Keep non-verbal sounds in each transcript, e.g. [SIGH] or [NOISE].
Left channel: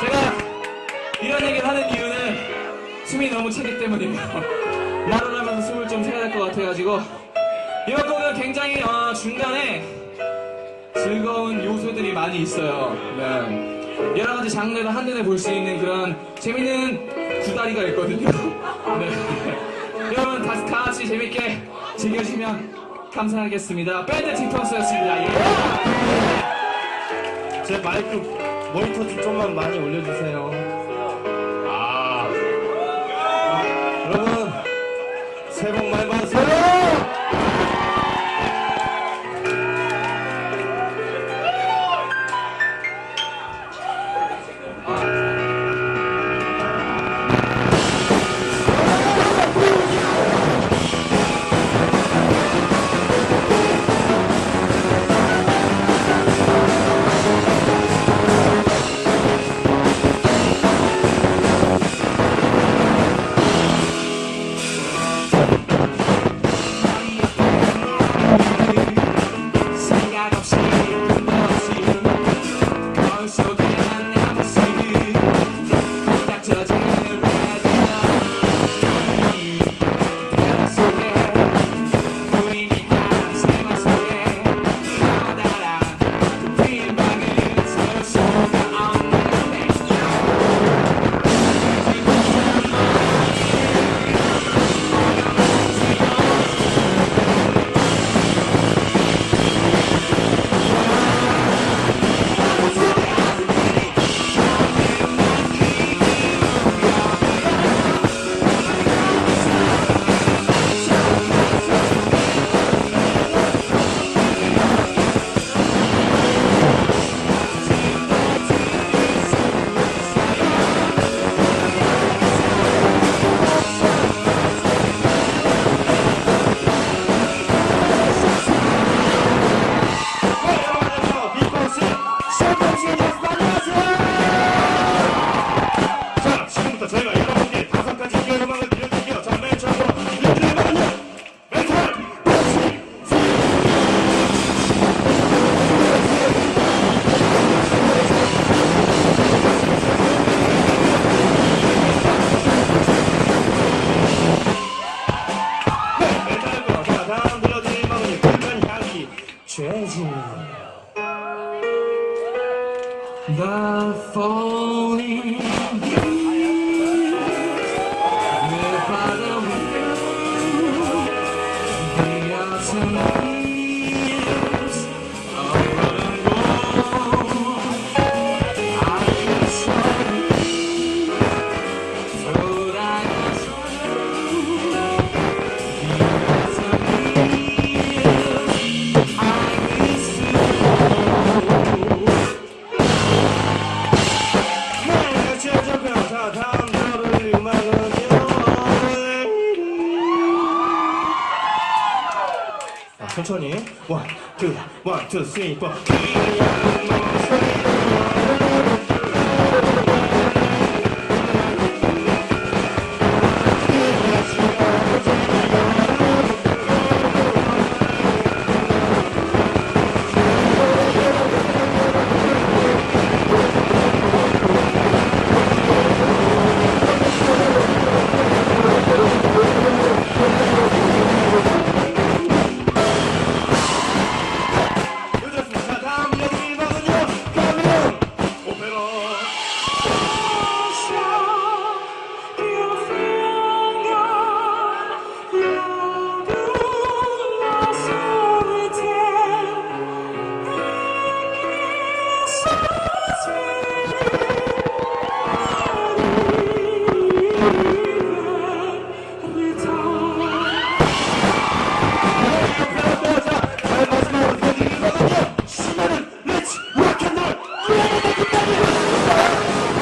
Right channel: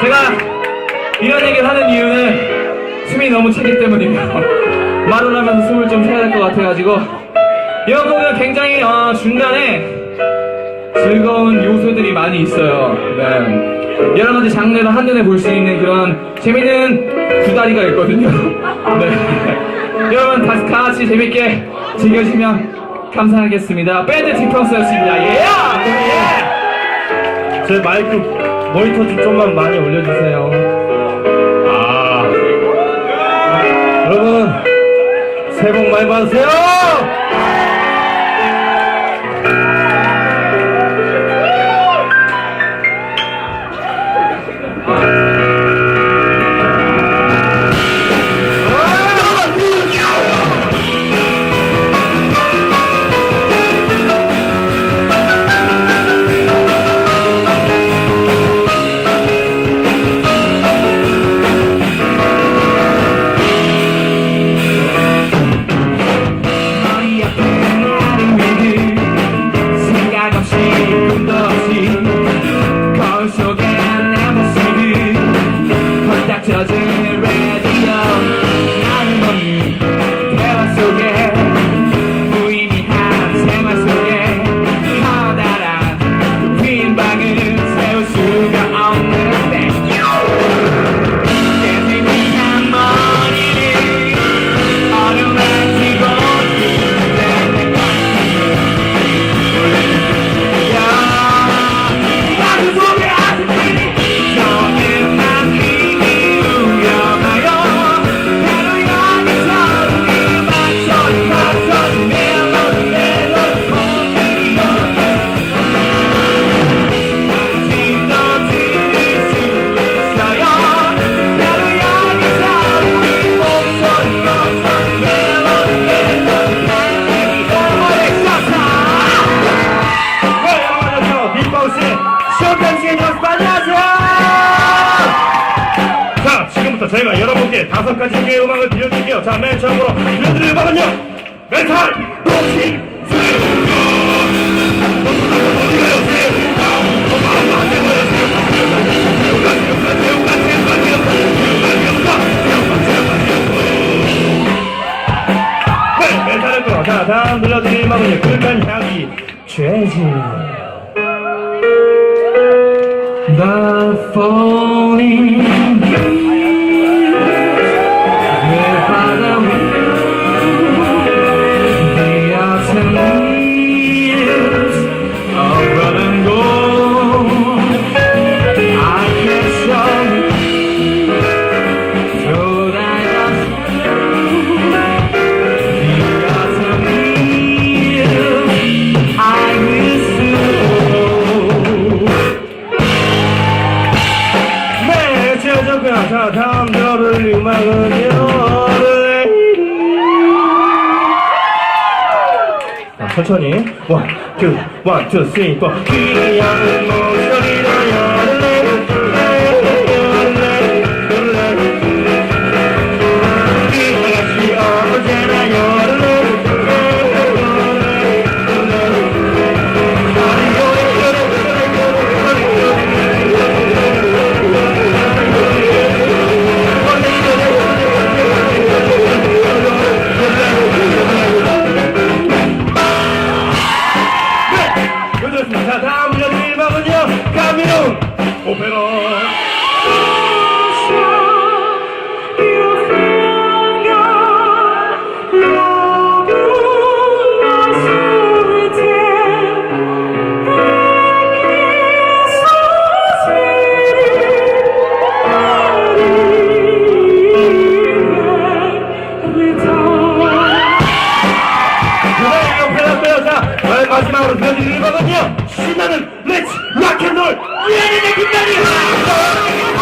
제가 이런 얘기를 하는 이유는 숨이 너무 차기 때문이에요. 말을 하면서 숨을 좀 쉬어야 될 것 같아가지고 이번 곡은 굉장히 어, 중간에 즐거운 요소들이 많이 있어요. 네. 여러 가지 장르를 한눈에 볼 수 있는 그런 재밌는 구다리가 있거든요. [LAUGHS] 네. 여러분 다, 다 같이 재밌게 즐겨주시면 감사하겠습니다. 밴드 디펑스였습니다. 예! 예! 제 마이크 모니터 좀 좀만 많이 올려주세요. 아. 여러분 새해 복 많이 받으세요. 여러분께 다섯 가지 의 음악을 들려드릴게요. 자 맨 처음으로 들려드릴 음악은요 메탈 복싱 네, 메탈했고요. 자, 다음 들려드릴 음악은요, 끝난 향기, 죄지. The falling 천천히. 원, 투, 원, 투, 쓰리, 포. 귀여운 목소리 Let's rock and roll. We are the Naked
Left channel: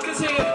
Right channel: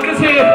quer dizer, é